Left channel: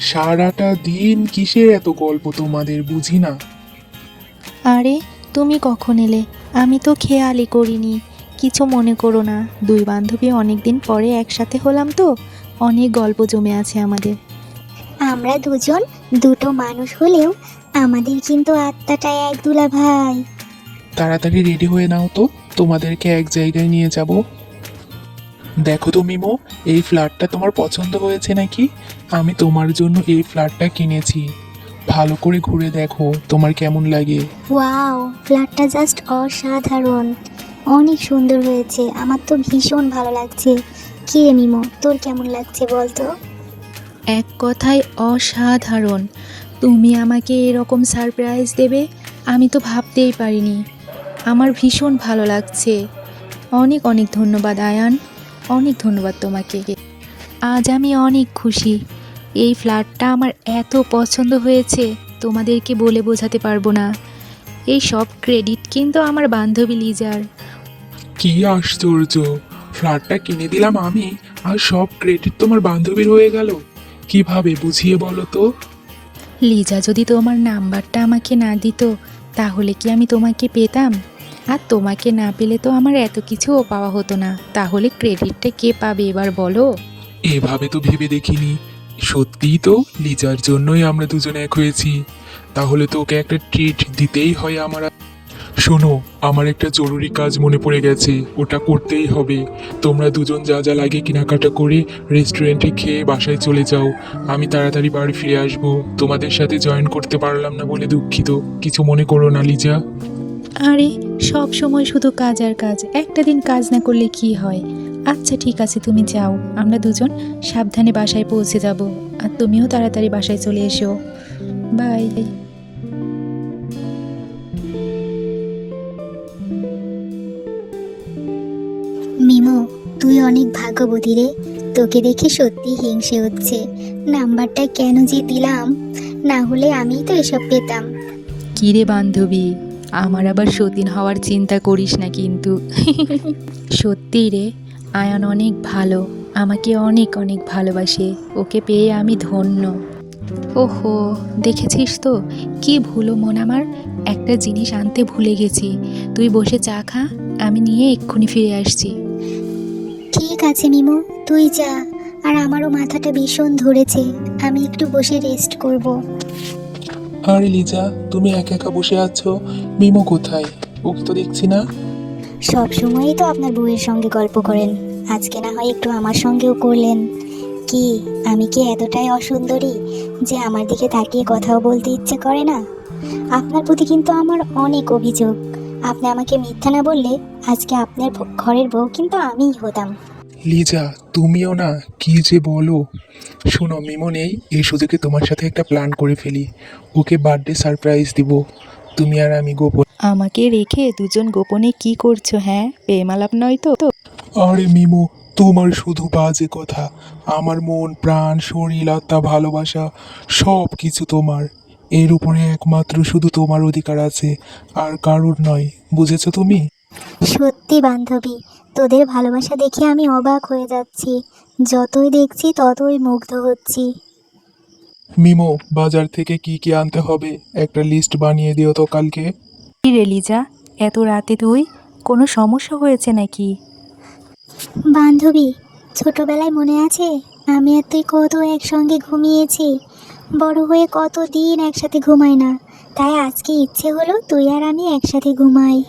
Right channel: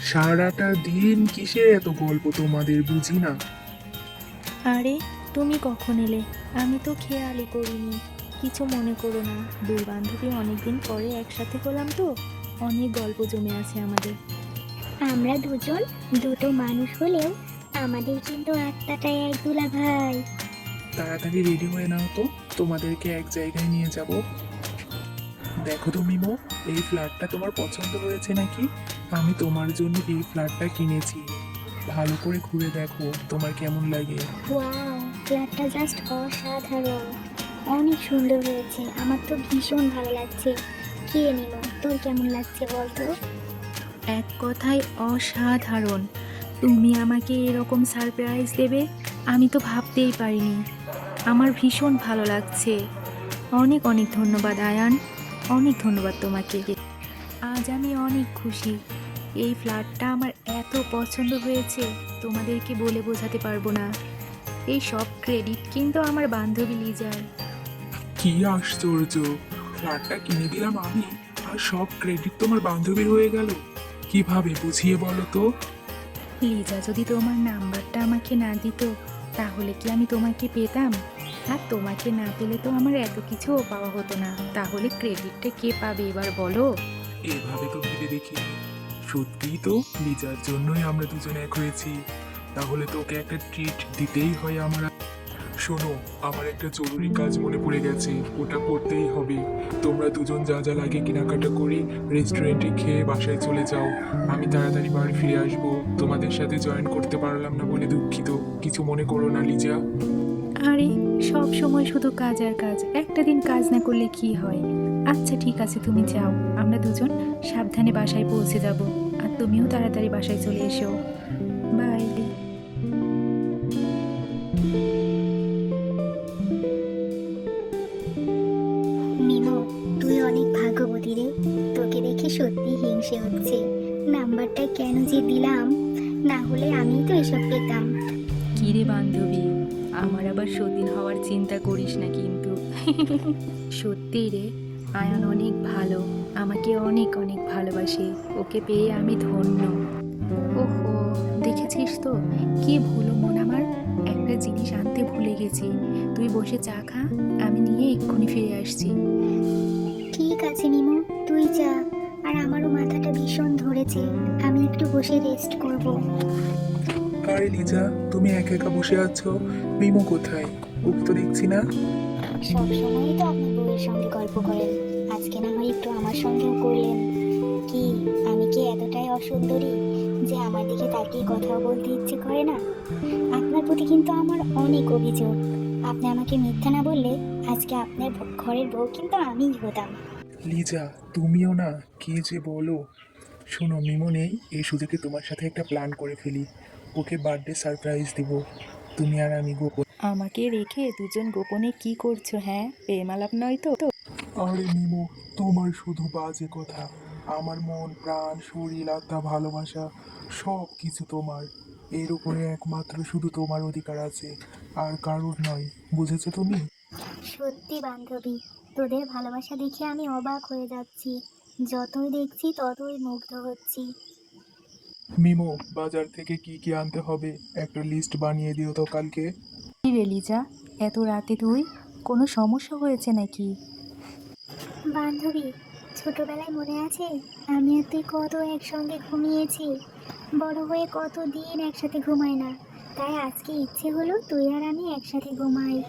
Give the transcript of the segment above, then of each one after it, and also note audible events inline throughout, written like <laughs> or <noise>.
সারাটা দিন কিসের এত গল্প তোমাদের বুঝি না? আরে তুমি কখন এলে? আমি তো খেয়ালই করিনি। কিছু মনে করো না দুই বান্ধবী অনেক দিন পরে একসাথে হলাম তো অনেক গল্প জমে আছে আমাদের। আমরা দুজন দুটো মানুষ হলেও আমাদের কিন্তু আত্মাটা এক দুলা ভাই। তাড়াতাড়ি রেডি হয়ে নাও তো তোমাদেরকে এক জায়গায় নিয়ে যাব। দেখো তো মিমো এই ফ্ল্যাটটা তোমার পছন্দ হয়েছে নাকি? আমি তোমার জন্য এই ফ্ল্যাটটা কিনেছি। ভালো করে ঘুরে দেখো তোমার কেমন লাগে? ওয়াও ফ্ল্যাটটা জাস্ট অসাধারণ। অনেক সুন্দর হয়েছে আমার তো ভীষণ ভালো লাগছে। কি মিমো তোর কেমন লাগছে বলতো? এক কথায় অসাধারণ। তুমি আমাকে এরকম সারপ্রাইজ দেবে আমি তো ভাবতেই পারিনি। আমার ভীষণ ভালো লাগছে। অনেক অনেক ধন্যবাদ আয়ান। অনেক ধন্যবাদ তোমাকে। আজ আমি অনেক খুশি। এই ফ্ল্যাটটা আমার এত পছন্দ হয়েছে তোমাদেরকে বলে বোঝাতে পারব না। এই সব ক্রেডিট কিন্তু আমার বান্ধবী লিজার। কি আশ্চর্য! ফ্ল্যাটটা কিনে দিলাম আমি আর সব ক্রেডিট তোমার বান্ধবীর হয়ে গেল। কীভাবে বুঝিয়ে বলো তো? লিজা যদি তোমার নাম্বারটা আমাকে না দিত তাহলে কি আমি তোমাকে পেতাম? আর তোমাকে না পেলে তো আমার এত কিছুও পাওয়া হতো না। তাহলে ক্রেডিটটা কে পাবে এবার বলো? এভাবে তো ভেবে দেখিনি। সত্যিই তো, লিজার জন্যই আমরা দুজনে এক হয়েছি। তাহলে তো ওকে একটা ট্রিট দিতেই হয় আমার। শোনো, আমার একটা জরুরি কাজ মনে পড়ে গেছে, ওটা করতেই হবে। তোমরা দুজন যা যা লাগে কেনাকাটা করে রেস্টুরেন্টে খেয়ে বাসায় চলে যাও। আমি তাড়াতাড়ি বাড়ি ফিরে আসব। তোমাদের সাথে জয়েন করতে পারলাম না বলে দুঃখিত। কিছু মনে করো না, লিজা। আরে, সব সময় শুধু কাজ আর কাজ। একটা দিন কাজ না করলে কি হয়? আচ্ছা ঠিক আছে তুমি যাও। আমরা দুজন সাবধানে বাসায় পৌঁছে যাব আর তুমিও তাড়াতাড়ি বাসায় চলে এসো। বাই। মিমো তুই অনেক ভাগ্যবতী রে। তোকে দেখে সত্যি হিংসে হচ্ছে। নাম্বারটা কেন যে দিলাম না হলে আমি তো এসব পেতাম। কিরে বান্ধবী আমার আবার সতীন হওয়ার চিন্তা করিস না কিন্তু। <laughs> সত্যি রে আয়ান অনেক ভালো আমাকে অনেক অনেক ভালোবাসে ওকে পেয়ে আমি ধন্য। ওহো দেখেছিস তো কি ভুলো মন আমার? একটা জিনিস আনতে ভুলে গেছি তুই বসে চা খা আমি নিয়ে এক্ষুনি ফিরে আসছি। ঠিক আছে মিমো তুই যা আর আমারও মাথাটা ভীষণ ধরেছে আমি একটু বসে রেস্ট করব। আরে লিজা তুমি একা একা বসে আছো মিমো কোথায়? ওকে তো দেখছি না। সব সময়ই তো আপনার বউয়ের সঙ্গে গল্প করেন। আজকে না হয় একটু আমার সঙ্গেও করলেন। কি, আমি কি এতটাই অসুন্দরী যে আমার দিকে তাকিয়ে কথাও বলতে ইচ্ছে করে না? আপনার প্রতি কিন্তু আমার অনেক অভিযোগ। আপনি আমাকে মিথ্যা না বললে আজকে আপনার ঘরের বউ কিন্তু আমিই হতাম। লিজা, তুমিও না কি যে বলো। শোনো, মিমো নেই, এই সুযোগে তোমার সাথে একটা প্ল্যান করে ফেলি। ওকে বার্থডে সারপ্রাইজ দিব। তুমি আর আমি গোপন আমাকে রেখে দুজন গোপনে কি করছ হ্যাঁ? প্রেমালাপ নয় তো? আরে মিমো তোমার শুধু বাজে কথা। আমার মন প্রাণ শরীর আত্মা ভালোবাসা সব কিছু তোমার। এর উপরে একমাত্র শুধু তোমার অধিকার আছে আর কারুর নয়। বুঝেছ তুমি? সত্যি বান্ধবী তোদের ভালোবাসা দেখে আমি অবাক হয়ে যাচ্ছি। যতই দেখছি ততই মুগ্ধ হচ্ছি। মিমো বাজার থেকে কি কি আনতে হবে? একটা লিস্ট বানিয়ে দিও তো কালকে। রে লিজা? এত রাতে তুই? কোনো সমস্যা হয়েছে নাকি? বান্ধবী ছোটবেলায় মনে আছে? আমি আর তুই কত একসঙ্গে ঘুমিয়েছি। বড় হয়ে কত দিন একসাথে ঘুমাই না। তাই আজকে ইচ্ছে হলো তুই আর আমি একসাথে ঘুমাই।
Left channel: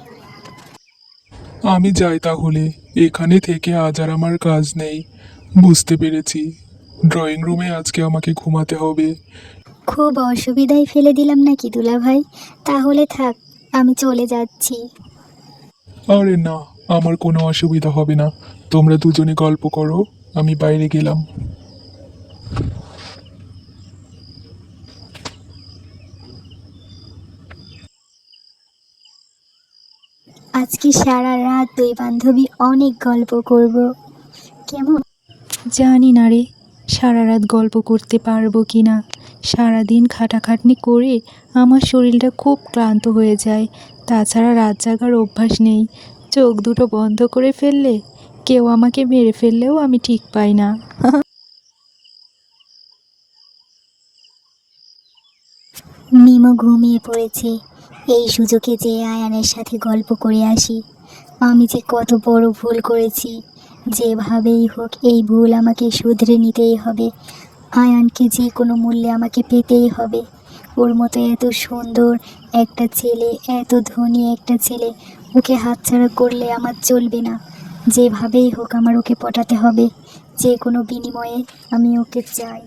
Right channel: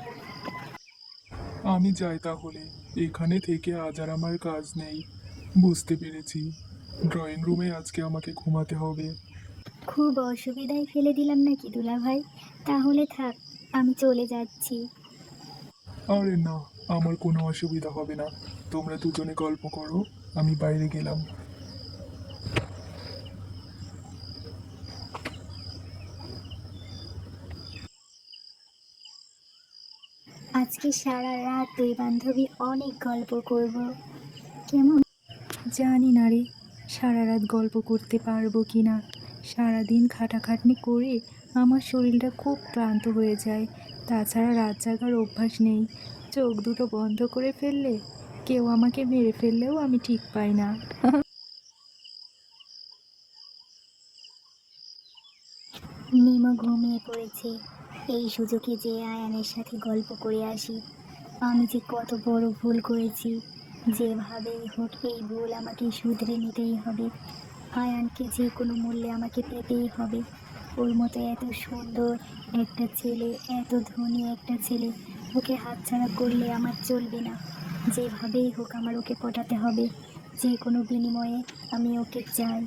আমি যাই তাহলে। এখানে থেকে আজ আর আমার কাজ নেই। বুঝতে পেরেছি। ড্রয়িং রুমে আজকে আমাকে ঘুমাতে হবে। খুব অসুবিধায় ফেলে দিলাম নাকি দুলা ভাই তাহলে থাক। আমি চলে যাচ্ছি। আরে না আমার কোনো অসুবিধা হবে না। তোমরা দুজনে গল্প করো আমি বাইরে গেলাম। আজকে সারা রাত দুই বান্ধবী অনেক গল্প করব। কেমন? জানি না রে সারা রাত গল্প করতে পারব কি না সারাদিন খাটাখাটনি করে আমার শরীরটা খুব ক্লান্ত হয়ে যায়। তাছাড়া রাত জাগার অভ্যাস নেই। চোখ দুটো বন্ধ করে ফেললে, কেউ আমাকে মেরে ফেললেও আমি ঠিক পাই না। মিমো ঘুমিয়ে পড়েছে। এই সুযোগে যে আয়ানের সাথে গল্প করে আসি। আমি যে কত বড় ভুল করেছি। যেভাবেই হোক, এই ভুল আমাকে শুধরে নিতেই হবে। আয়ানকে যে কোনো মূল্যে আমাকে পেতেই হবে। ওর মতো এত সুন্দর একটা ছেলে এত ধনী একটা ছেলে ওকে হাতছাড়া করলে আমার চলবে না। যেভাবেই হোক আমার ওকে পটাতে হবে। যে কোনো বিনিময়ে আমি ওকে চাই।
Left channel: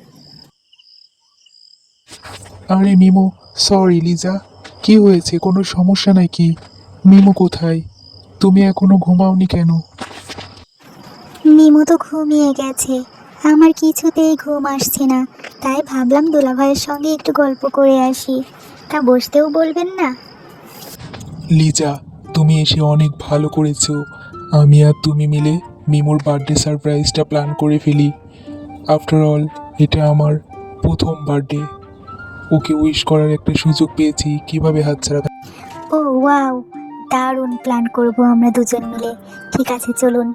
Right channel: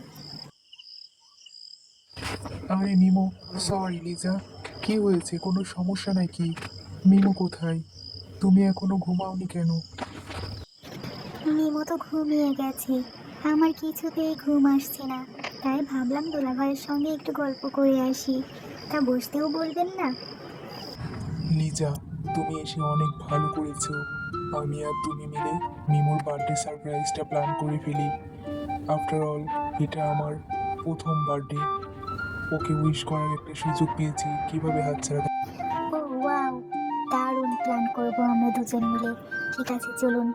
আরে মিমো সরি লিজা। কি হয়েছে? কোনো সমস্যা নাকি? মিমো কোথায়? তুমি এখনও ঘুমাওনি কেন? মিমো তো ঘুমিয়ে গেছে। আমার কিছুতেই ঘুম আসছে না। তাই ভাবলাম দুলাভাইয়ের সঙ্গে একটু গল্প করে আসি। তা বসতেও বলবেন না? লিজা তুমি এসে অনেক ভালো করেছ। আমি আর তুমি মিলে মিমোর বার্থডে সারপ্রাইজটা প্ল্যান করে ফেলি। আফটার অল এটা আমার প্রথম বার্থডে ওকে উইশ করার একটা সুযোগ পেয়েছি কীভাবে হাতছাড়া ও ওয়াও দারুণ প্ল্যান করব আমরা দুজন মিলে। ঠিক আছে চলুন।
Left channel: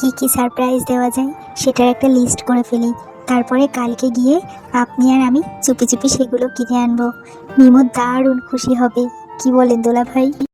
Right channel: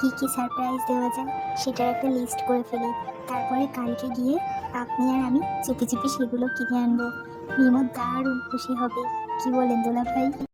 কি কি সারপ্রাইজ দেওয়া যায় সেটার একটা লিস্ট করে ফেলি। তারপরে কালকে গিয়ে আপনি আর আমি চুপি চুপি সেগুলো কিনে আনব। মিমো দারুণ খুশি হবে। কি বলেন দোলা ভাই?